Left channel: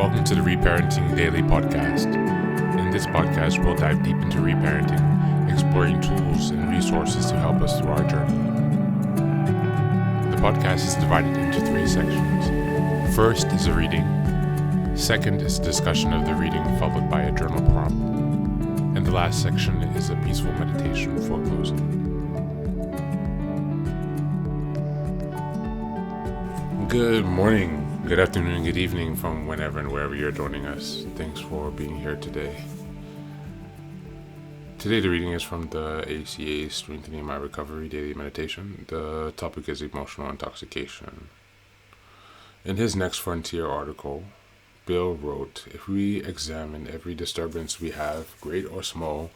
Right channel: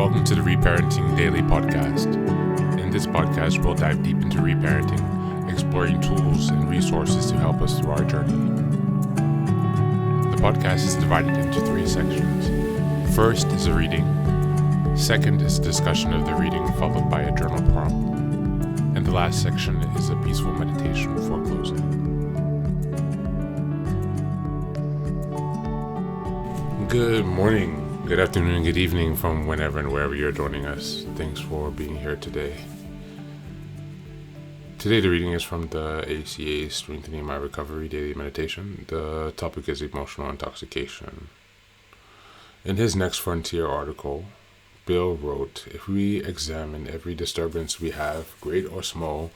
Welcome to the Reparenting Daily podcast. In this podcast, we'll dive deep into reparenting, exploring tools and resources to help us through our journey. The podcast is divided into 3 sections. First is a reading. Second is a discussion of the reading, followed by a journal prompt. And the last section is a peaceful meditation for closing. Good morning. Good afternoon, good evening from whenever and wherever you're joining us. Thanks for being here today. Today the reading is from the ACA Strengthening My Recovery Daily Meditation. The topic is emotional intoxication. In his Next Frontier article, Bill wrote, "If we examine every disturbance we have, great or small,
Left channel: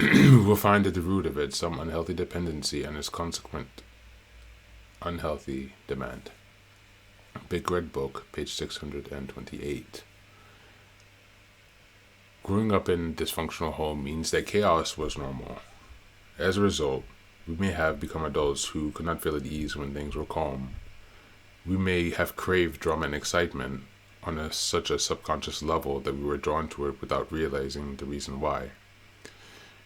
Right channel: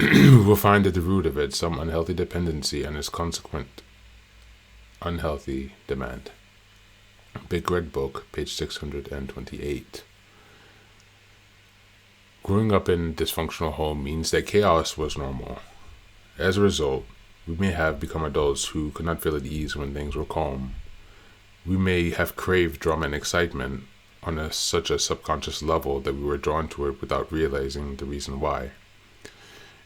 we'll find at the root of it some unhealthy dependency and its consequent unhealthy demand." Big Red Book, page 628. Growing up in a dysfunctional home means that chaos was normal. As a result, we may have become adults who could not feel at ease when things were calm. We may have craved drama and excitement on such a subconscious level that we were drawn to it without realizing the reason why.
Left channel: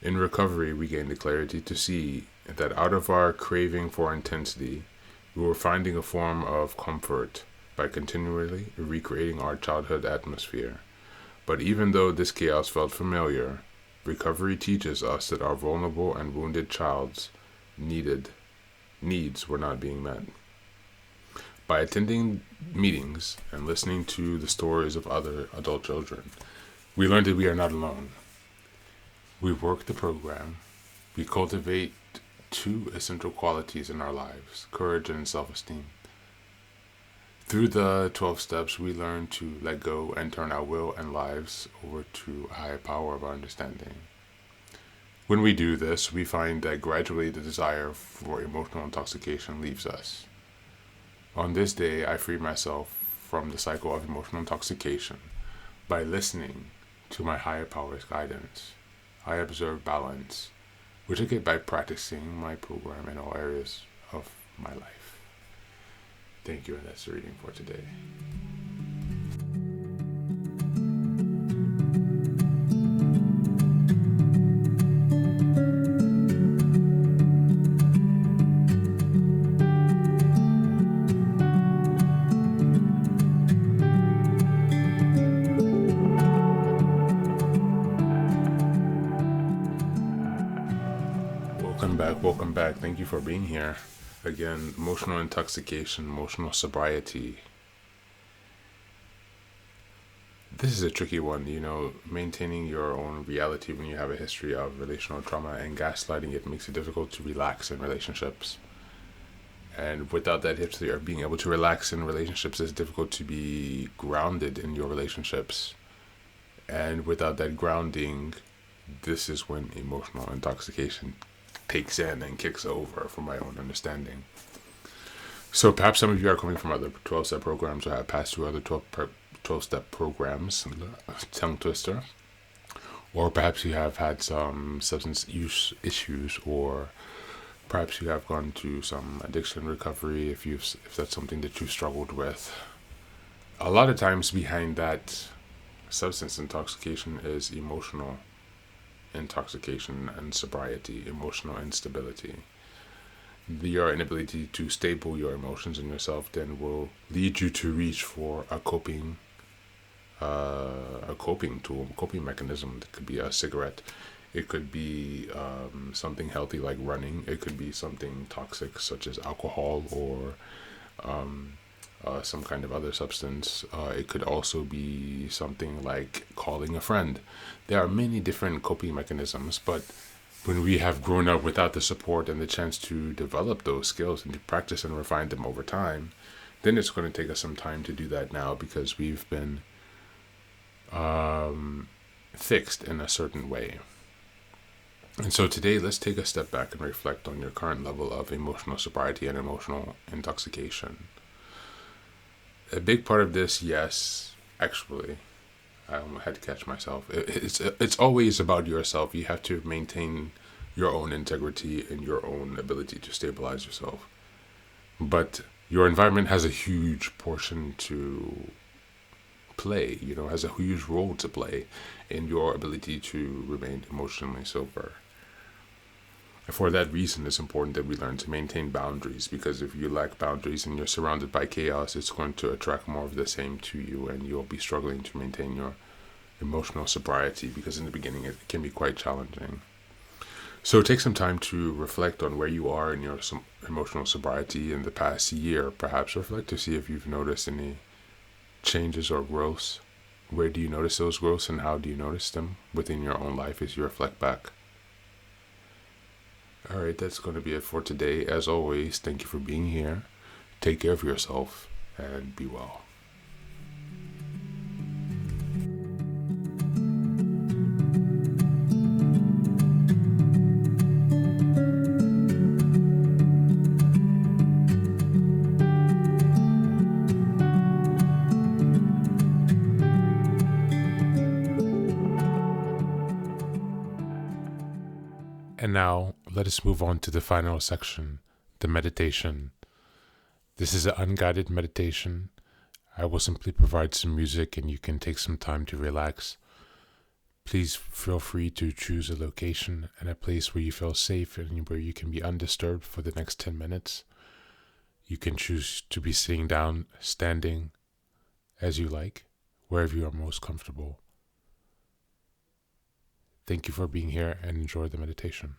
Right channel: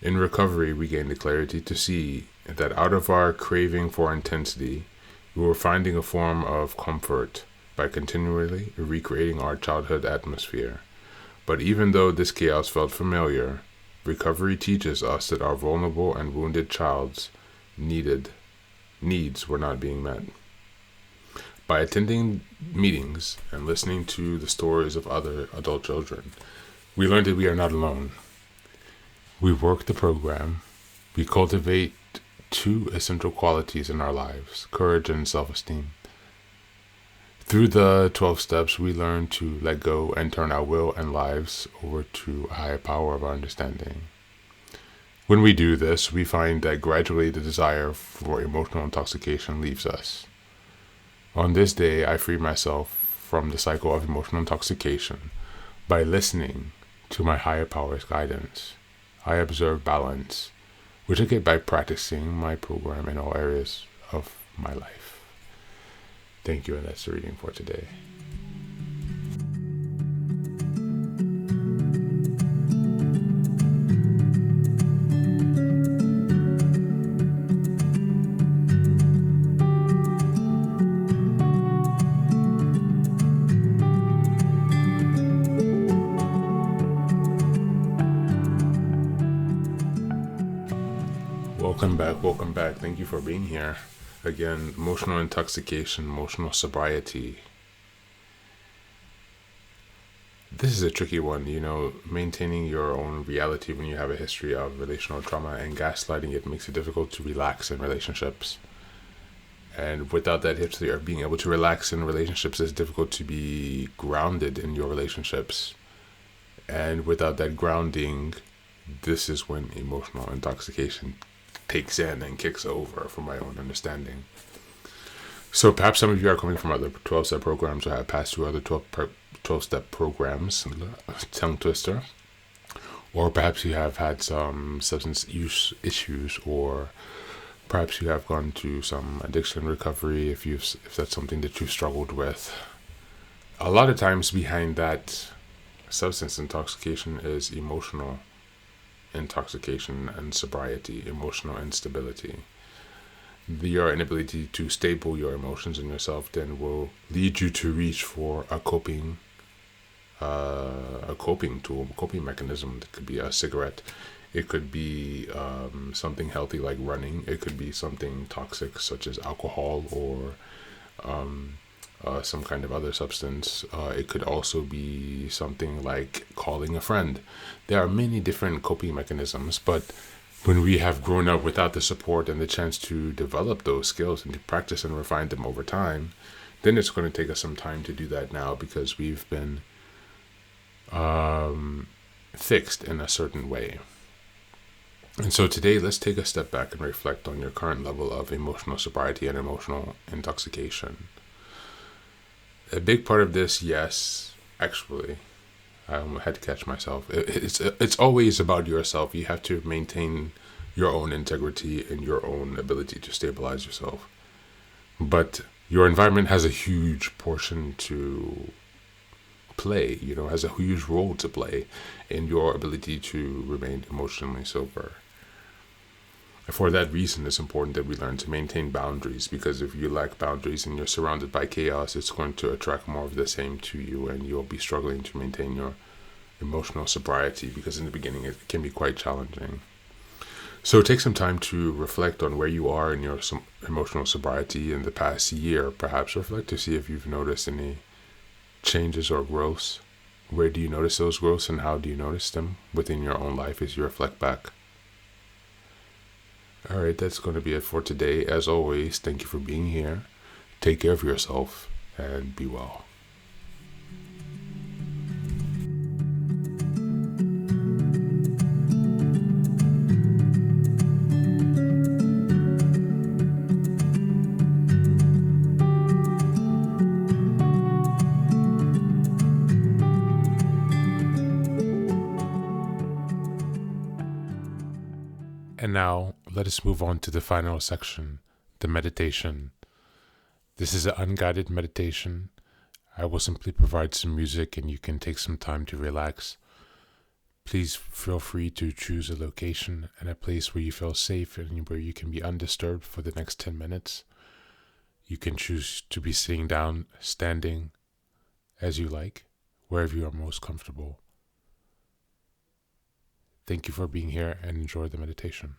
In recovery, we gained the clarity to see that out of our craving for intensity, we were finding a form of comfort by continually recreating our childhood atmosphere. But even though this chaos felt familiar, recovery teaches us that our vulnerable and wounded child's needs were not being met. By attending meetings and listening to the stories of other adult children, we learned that we are not alone. We work the program. We cultivate 2 essential qualities in our lives, courage and self-esteem. Through the 12 steps, we learn to let go and turn our will and lives over to a higher power of our understanding. When we do this, we find that gradually the desire for emotional intoxication leaves us. On this day, I free myself from the cycle of emotional intoxication by listening to my higher power's guidance. I observe balance, which I get by practicing my program in all areas of my life. Thank you, and that's the reading for today. Welcome back. Thank you for being here. Again, emotional intoxication, emotional sobriety. This is a tricky one, maintaining your own reality when you have a history of relational trauma and gaslighting. It makes it difficult to relax in relationships. And without that history of being able to relax in relationships, it's difficult to be grounded in your relationships. And without that grounding, this is when emotional intoxication takes in and kicks over, from my own understanding. So perhaps some of you are coming from other 12-step programs or have passed through other 12-step programs, tongue twister, or perhaps you have had some substance use issues, or perhaps you have gone to some addiction recovery if that's something that you've struggled with. A lot of times behind that substance intoxication is emotional intoxication and sobriety, emotional instability. Your inability to stable your emotions in yourself then will lead you to reach for a coping tool, a coping mechanism. That could be a cigarette. It could be something healthy like running. It could be something toxic such as alcohol or some kind of other substance. It could also be something like calling a friend. There are many different coping mechanisms, but when we have grown up without the support and the chance to develop those skills and to practice and refine them over time, then it's going to take us some time to do that now because we've been fixed in a certain way. And so today, let's take a step back and reflect on your current level of emotional sobriety and emotional intoxication. A big part of this, yes, actually, I had to catch myself. It's always about yourself. You have to maintain your own integrity and your own ability to stabilize yourself. But your environment has a huge portion to play, has a huge role to play in your ability to remain emotionally sober. For that reason, it's important that we learn to maintain boundaries, because if you lack boundaries and you're surrounded by chaos, it's going to attract more of the same to you, and you'll be struggling to maintain your emotional sobriety, because in the beginning it can be quite challenging. So take some time to reflect on where you are in your emotional sobriety in the past year. Perhaps reflect to see if you've noticed any changes or growths. Where do you notice those growths, and how do you notice them within your own life as you reflect back? All right, that's going to be it for today. As always, thank you for being here. Take care of yourself and be well. And now, let us move on to the final section, the meditation. This is an unguided meditation. I will simply provide some music and you can take some time to relax. Please feel free to choose a location and a place where you feel safe and where you can be undisturbed for the next 10 minutes. You can choose to be sitting down, standing, as you like, wherever you are most comfortable. Thank you for being here and enjoy the meditation.